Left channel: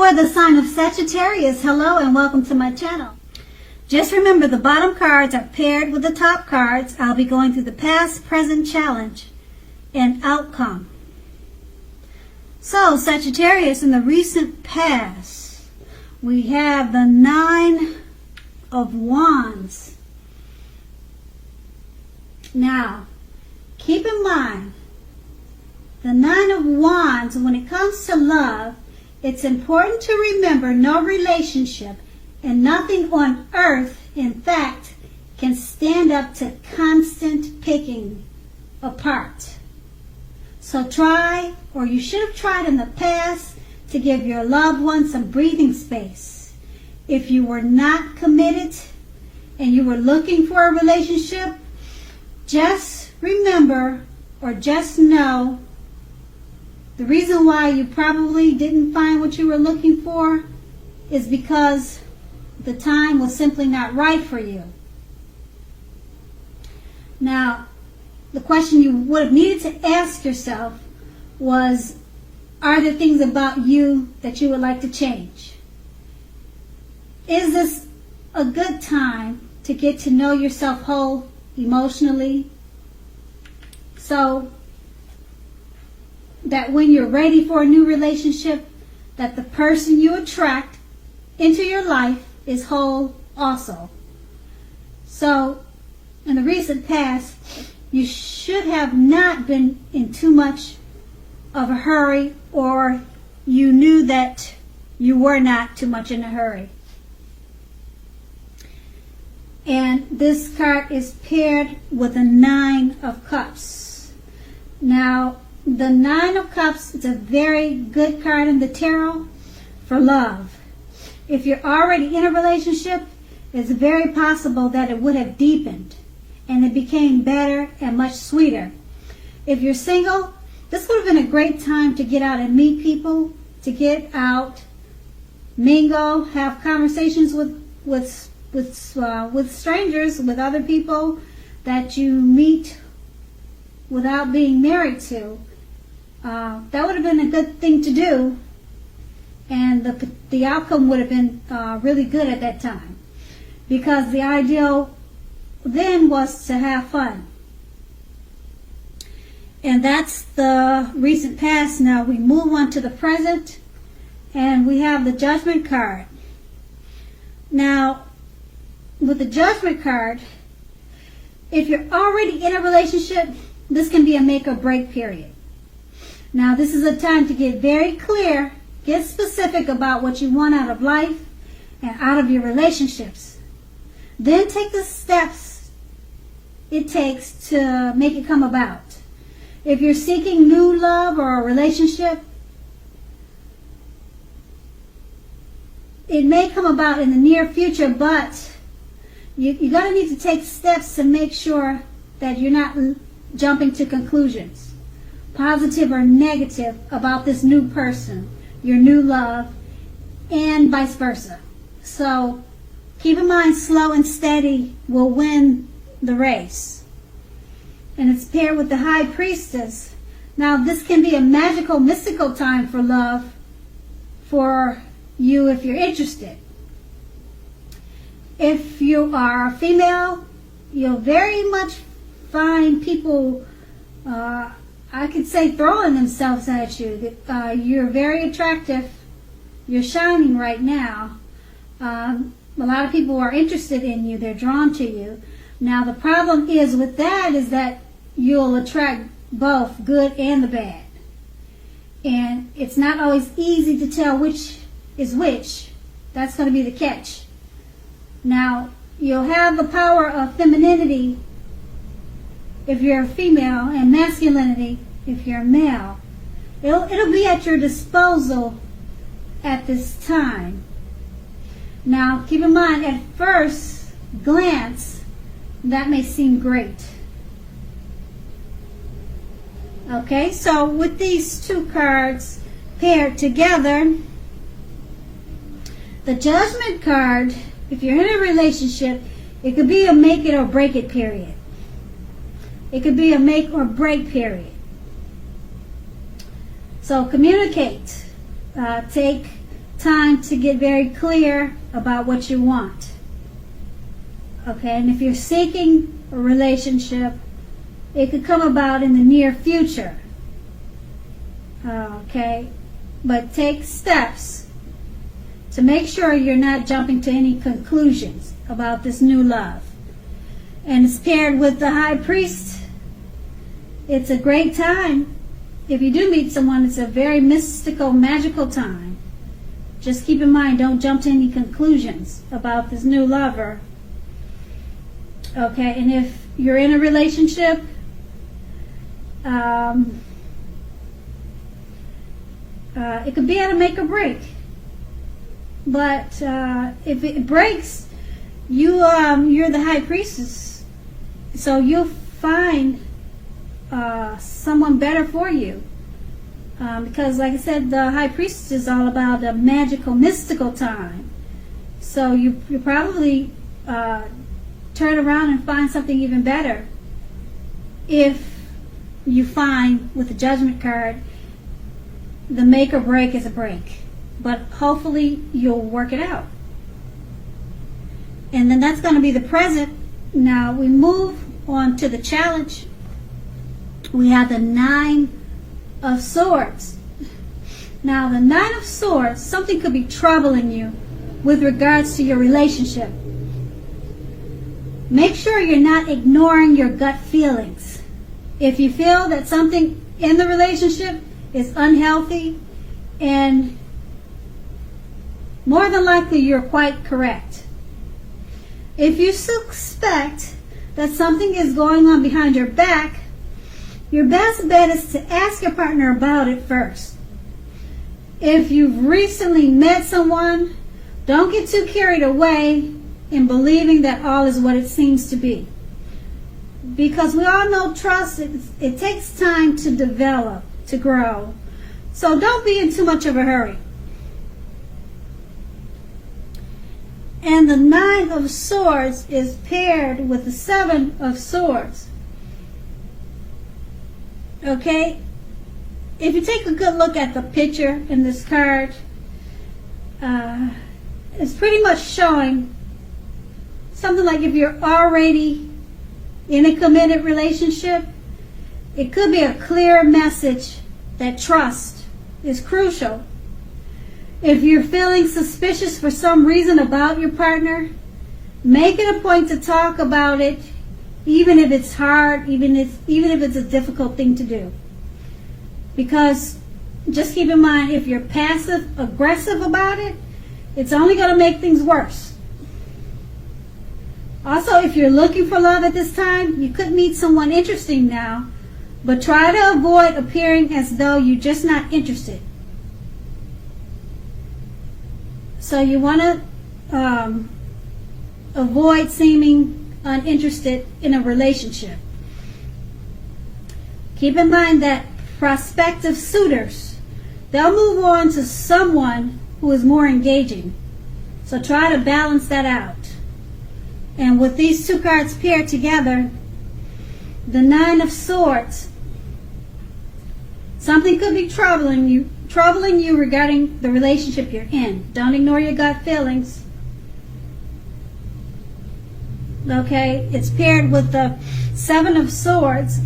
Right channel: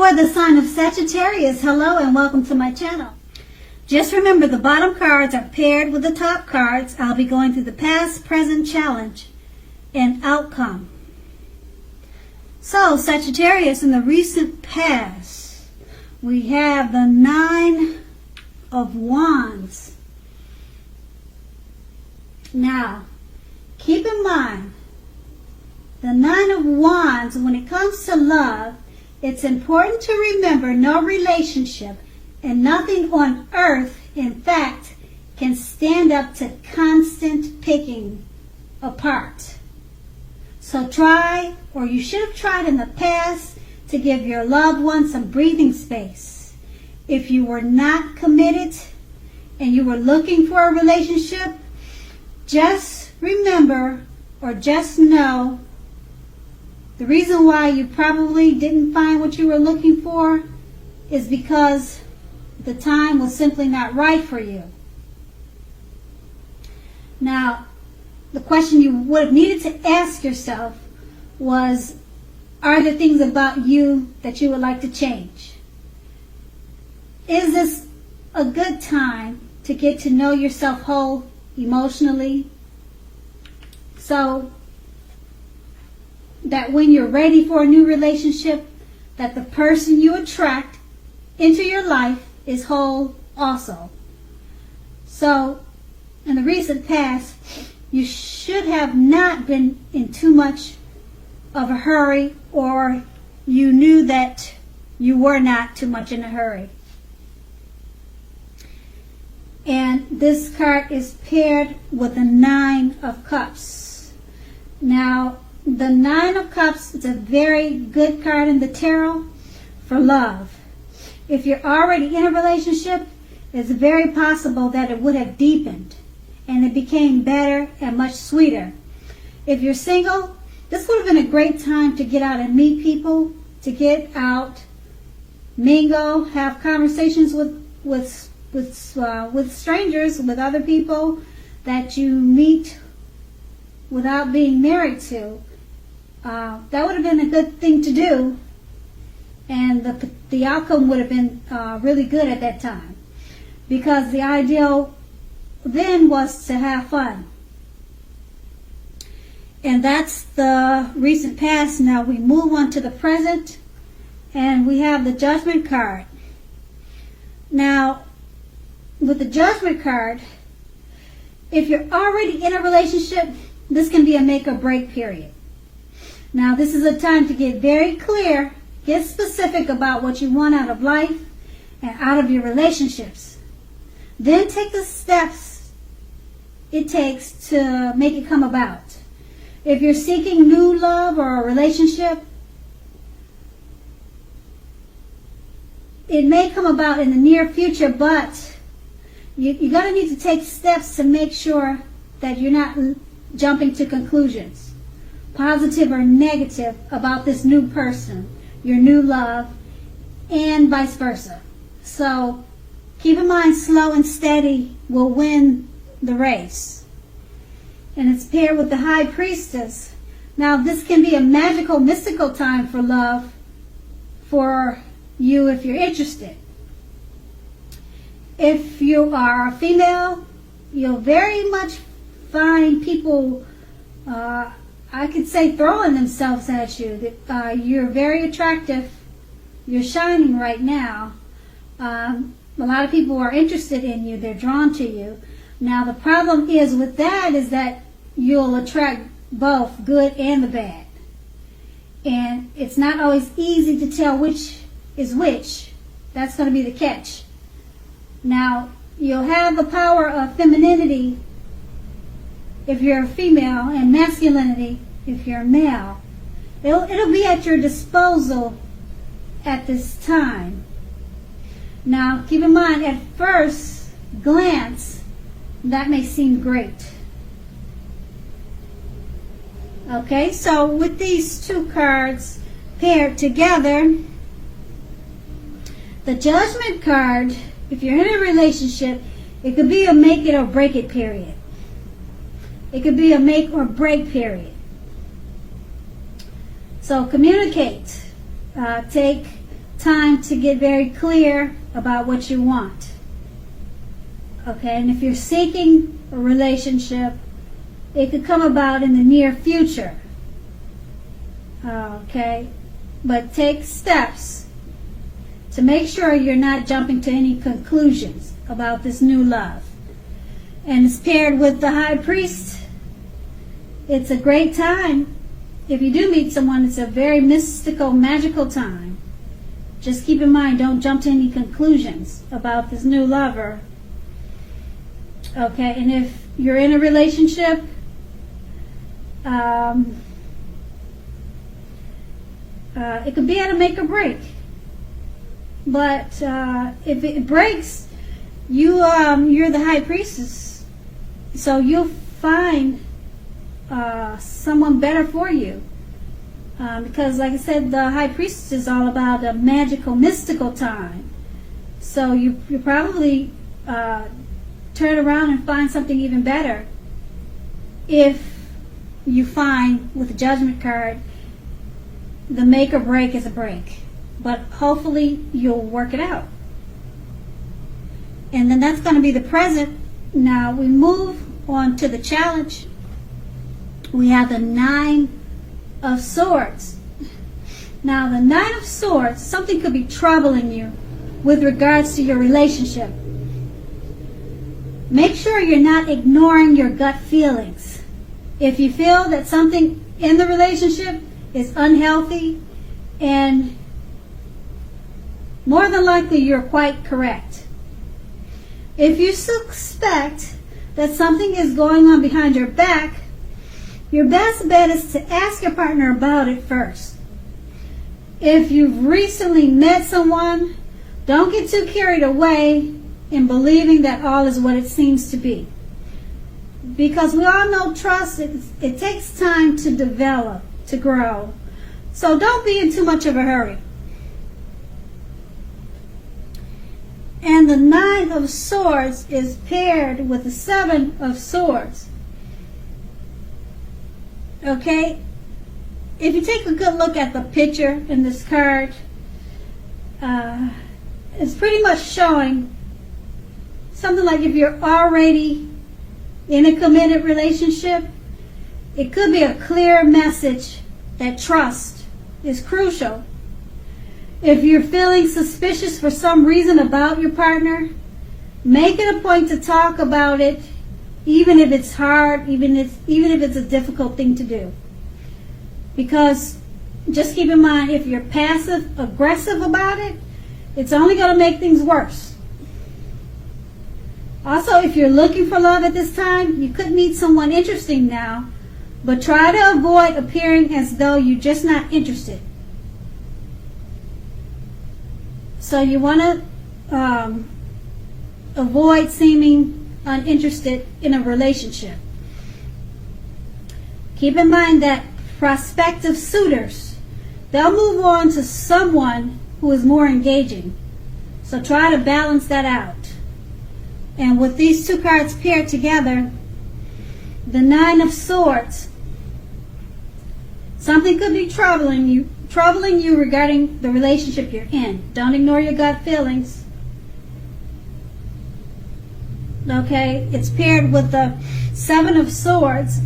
For the sign of Sagittarius, hello and welcome to my channel. Just remember the bottom cards are paired with the top cards. I'll be going through the past, present, challenge, and outcome. So, Sagittarius, in the recent past, we have the Nine of Wands. Now, keep in mind, the Nine of Wands, when it comes to love, it's important to remember no relationship and nothing on earth, in fact, can stand up to constant picking apart. So try, or you should have tried in the past, to give your loved one some breathing space. If you were not committed and you were looking for a relationship, just remember or just know the reason why you probably didn't find what you were looking for is because the time was simply not right for you. Now, the question you would have needed to ask yourself was, are there things about you that you would like to change? Is this a good time to get to know yourself whole emotionally, so that when you're ready for a new relationship, that the person you attract into your life is whole also? So, in the recent past, you should have not been in too much of a hurry, or you knew that you were not too much in a hurry. And this card is paired with the Nine of Cups. Now, the Nine of Cups is a very good card in the tarot for love. If you're already in a relationship, it's very possible that it would have deepened and it became better and much sweeter. If you're single, this would have been a great time to get out and meet people, to get out, mingle, have conversations with strangers, with other people that you meet without being married to. That would have been a good thing to do, and the outcome would have been really good at that time, because the ideal then was to have fun. And that's the recent past. Now we move on to the present, and we have the Judgment card. Now, with the Judgment card, if you're already in a relationship, this can be a make or break period. Now, this is a time to get very clear, get specific about what you want out of life and out of your relationships. Then take the steps it takes to make it come about. If you're seeking new love or a relationship, it may come about in the near future, but you're going to need to take steps to make sure that you're not jumping to conclusions, positive or negative, about this new person, your new love, and vice versa. So keep in mind, slow and steady will win the race. And it's paired with the High Priestess. Now, this can be a magical, mystical time for love for you if you're interested. If you are a female, you'll very much find people, I could say, throwing themselves at you. You're very attractive. You're shining right now. A lot of people are interested in you. They're drawn to you. Now, the problem is with that is that you'll attract both good and the bad. And it's not always easy to tell which is which. That's going to be the catch. Now, you'll have the power of femininity if you're a female, and masculinity if you're a male. It'll be at your disposal at this time. Now, keep in mind, at first glance, that may seem great. Okay, so with these two cards paired together, the Judgment card, if you're in a relationship, it could be a make it or break it period. It could be a make or break period. So communicate. Take time to get very clear about what you want. Okay, and if you're seeking a relationship, it could come about in the near future. Okay, but take steps to make sure you're not jumping to any conclusions about this new love. And it's paired with the High Priest. It's a great time. If you do meet someone, it's a very mystical, magical time. Just keep in mind, don't jump to any conclusions about this new lover. Okay, and if you're in a relationship, it could be at a make or break. But if it breaks, you're the High Priestess, so you'll find someone better for you. Because, like I said, the High Priestess is all about a magical, mystical time. So you probably turn around and find something even better if you find, with the Judgment card, the make or break is a break. But hopefully you'll work it out. And then that's going to be the present. Now we move on to the challenge. We have the Nine of Swords. Now the Nine of Swords, something could be troubling you with regards to your relationship. Make sure you're not ignoring your gut feelings. If you feel that something in the relationship is unhealthy, and more than likely you're quite correct. If you suspect that something is going on behind your back, your best bet is to ask your partner about it first. If you've recently met someone, don't get too carried away in believing that all is what it seems to be. Because we all know trust, it takes time to develop, to grow. So don't be in too much of a hurry. And the Nine of Swords is paired with the Seven of Swords. Okay? If you take a good look at the picture in this card, it's pretty much showing something like if you're already in a committed relationship, it could be a clear message that trust is crucial. If you're feeling suspicious for some reason about your partner, make it a point to talk about it, even if it's hard, even if it's a difficult thing to do. Because just keep in mind, if you're passive aggressive about it, it's only going to make things worse. Also, if you're looking for love at this time, you could meet someone interesting now, but try to avoid appearing as though you're just not interested. So you want to avoid seeming uninterested in a relationship. Keep in mind that prospective suitors, they'll move on to someone who is more engaging. So try to balance that out. And with these two cards paired together, the Nine of Swords, something could be troubling you regarding the relationship you're in. Don't ignore your gut feelings. Okay, it's paired with the Seven of Swords.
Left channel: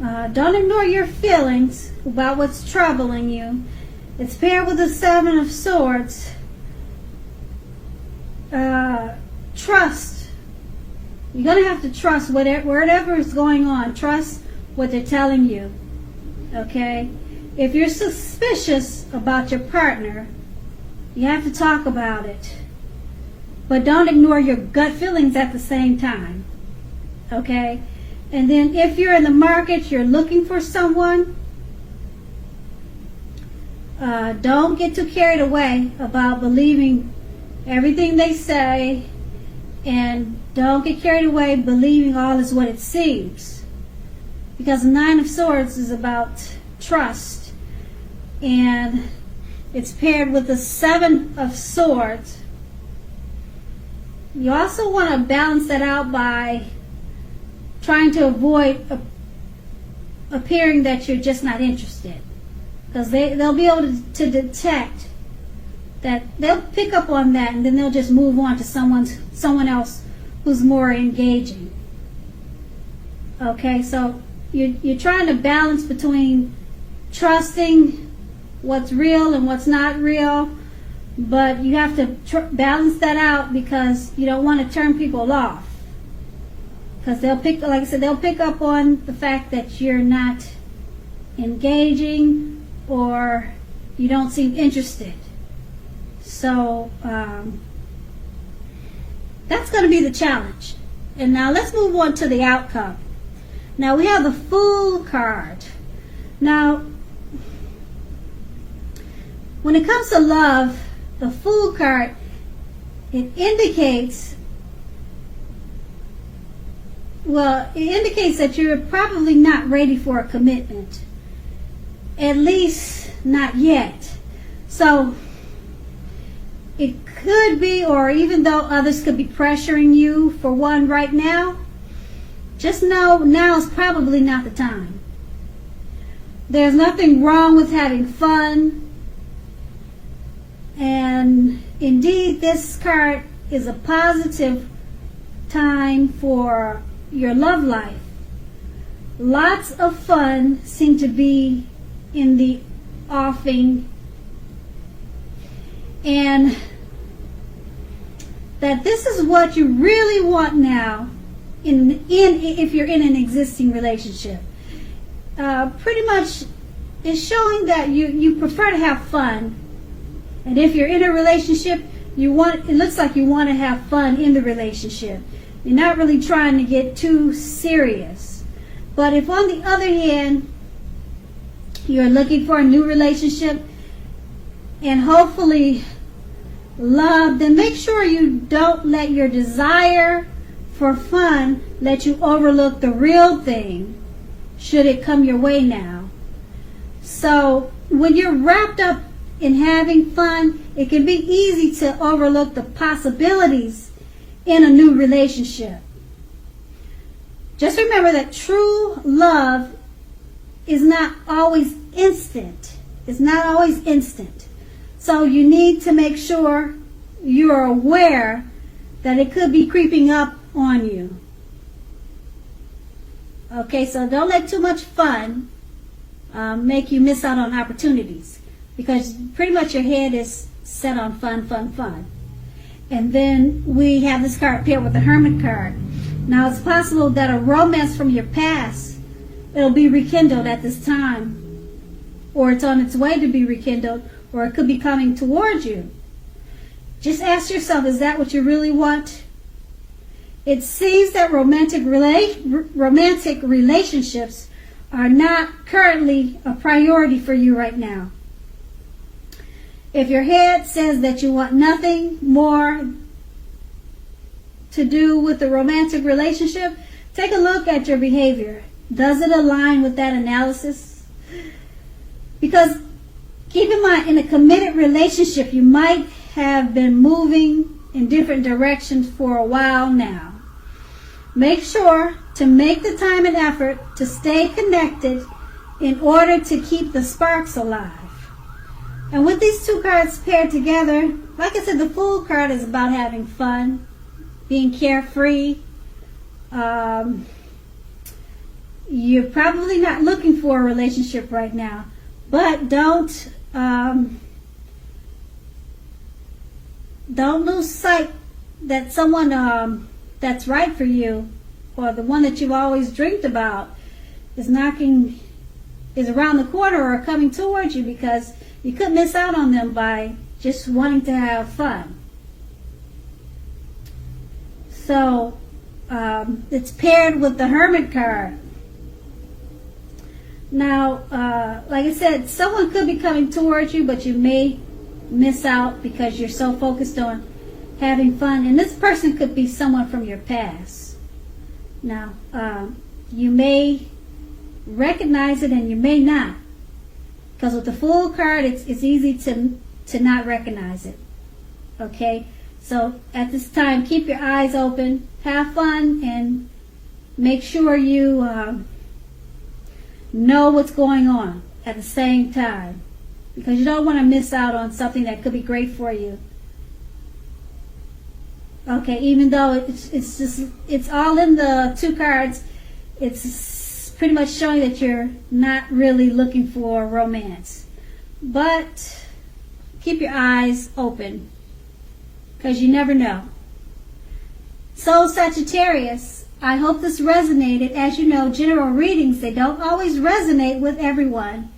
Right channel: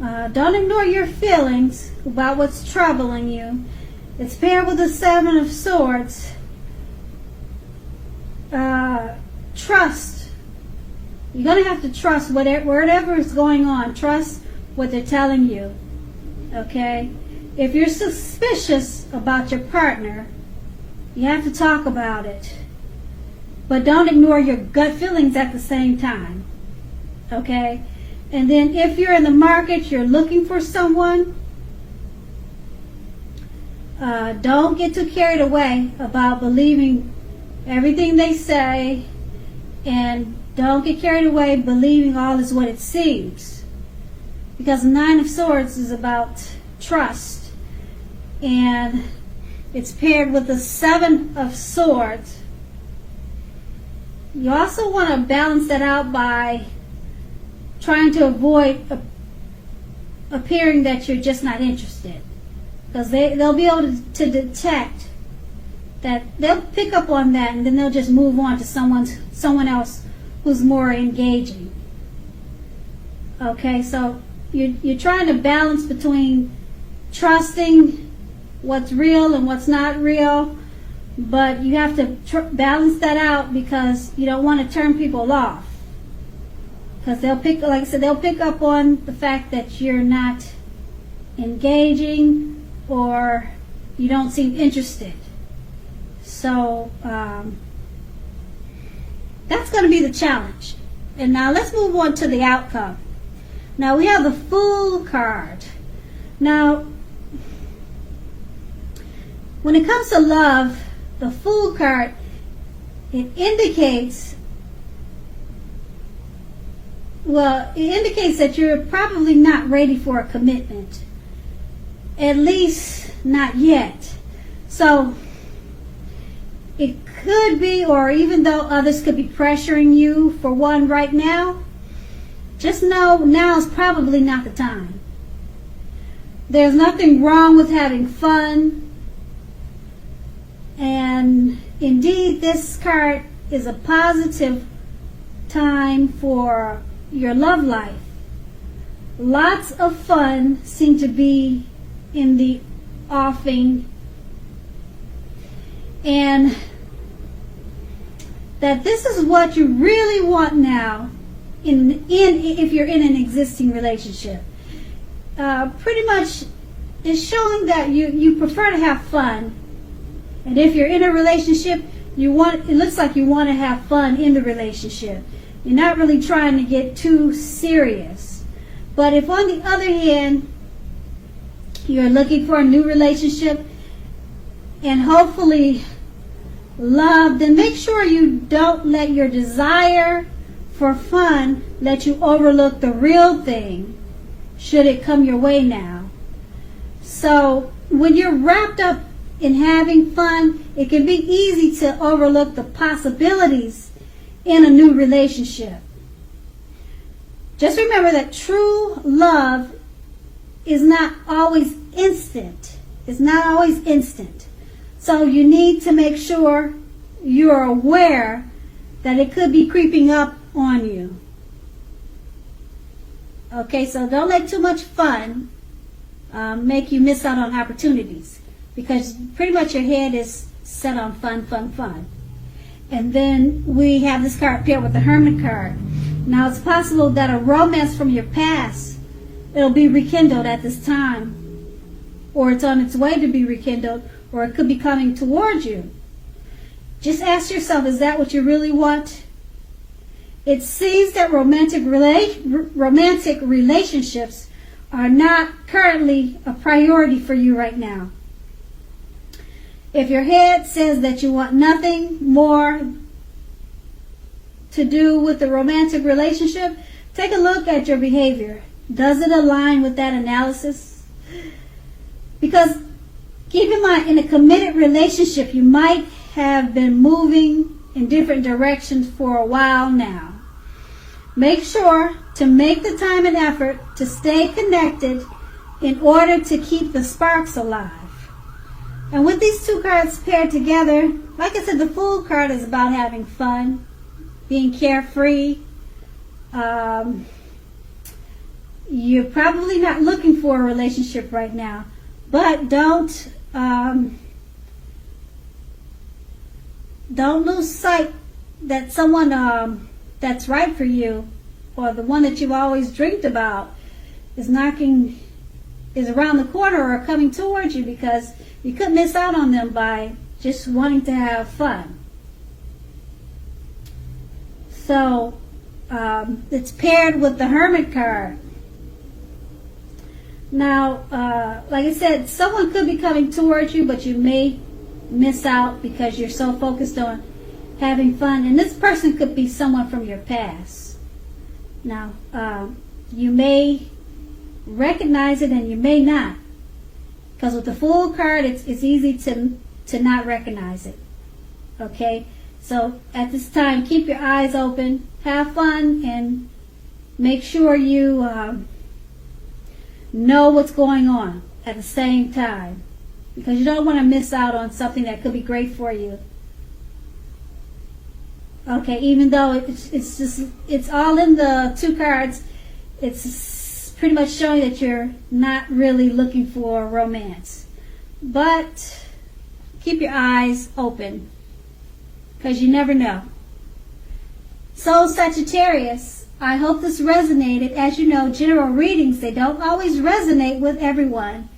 Don't ignore your feelings about what's troubling you. It's paired with the Seven of Swords. Trust. You're going to have to trust whatever is going on. Trust what they're telling you. Okay? If you're suspicious about your partner, you have to talk about it. But don't ignore your gut feelings at the same time. Okay? And then if you're in the market, you're looking for someone, don't get too carried away about believing everything they say, and don't get carried away believing all is what it seems. Because the Nine of Swords is about trust, and it's paired with the Seven of Swords. You also want to balance that out by trying to avoid appearing that you're just not interested. Because they'll be able to detect that they'll pick up on that, and then they'll just move on to someone else who's more engaging. Okay, so you're trying to balance between trusting what's real and what's not real, but you have to balance that out because you don't want to turn people off. Because they'll pick, like I said, they'll pick up on the fact that you're not engaging or you don't seem interested. So that's going to be the challenge. And now let's move on to the outcome. Now we have the Fool card. Now, when it comes to love, the Fool card, it indicates that you're probably not ready for a commitment. At least not yet. So it could be, or even though others could be pressuring you for one right now, just know now is probably not the time. There's nothing wrong with having fun. And indeed, this card is a positive time for your love life. Lots of fun seem to be in the offing. And that this is what you really want now if you're in an existing relationship. Pretty much it's showing that you prefer to have fun. And if you're in a relationship, it looks like you want to have fun in the relationship. You're not really trying to get too serious. But if on the other hand, you're looking for a new relationship and hopefully love, then make sure you don't let your desire for fun let you overlook the real thing should it come your way now. So when you're wrapped up in having fun, it can be easy to overlook the possibilities in a new relationship. Just remember that true love is not always instant. It's not always instant. So you need to make sure you're aware that it could be creeping up on you. Okay, so don't let too much fun make you miss out on opportunities, because pretty much your head is set on fun, fun, fun. And then we have this card there with the Hermit card. Now it's possible that a romance from your past, it'll be rekindled at this time, or it's on its way to be rekindled, or it could be coming towards you. Just ask yourself, is that what you really want? It seems that romantic relationships are not currently a priority for you right now. If your head says that you want nothing more to do with the romantic relationship, take a look at your behavior. Does it align with that analysis? Because keep in mind, in a committed relationship, you might have been moving in different directions for a while now. Make sure to make the time and effort to stay connected in order to keep the sparks alive. And with these two cards paired together, like I said, the Fool card is about having fun, being carefree. You're probably not looking for a relationship right now, but don't lose sight that someone that's right for you, or the one that you've always dreamed about, is around the corner or coming towards you, because you could miss out on them by just wanting to have fun. So it's paired with the Hermit card. Now, like I said, someone could be coming towards you, but you may miss out because you're so focused on having fun. And this person could be someone from your past. Now, you may recognize it and you may not. Because with the Fool card, it's easy to not recognize it. Okay? So at this time, keep your eyes open, have fun, and make sure you know what's going on at the same time. because you don't want to miss out on something that could be great for you. Okay, even though it's all in the two cards, it's pretty much showing that you're not really looking for romance. But keep your eyes open, because you never know. So Sagittarius, I hope this resonated. As you know, general readings, they don't always resonate with everyone.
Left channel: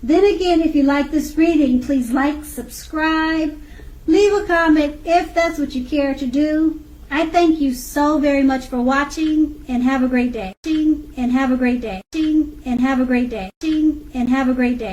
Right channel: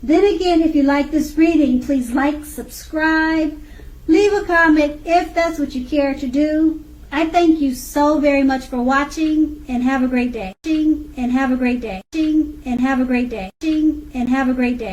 Then again, if you like this reading, please like, subscribe, leave a comment if that's what you care to do. I thank you so very much for watching, and have a great day. And have a great day. And have a great day. And have a great day.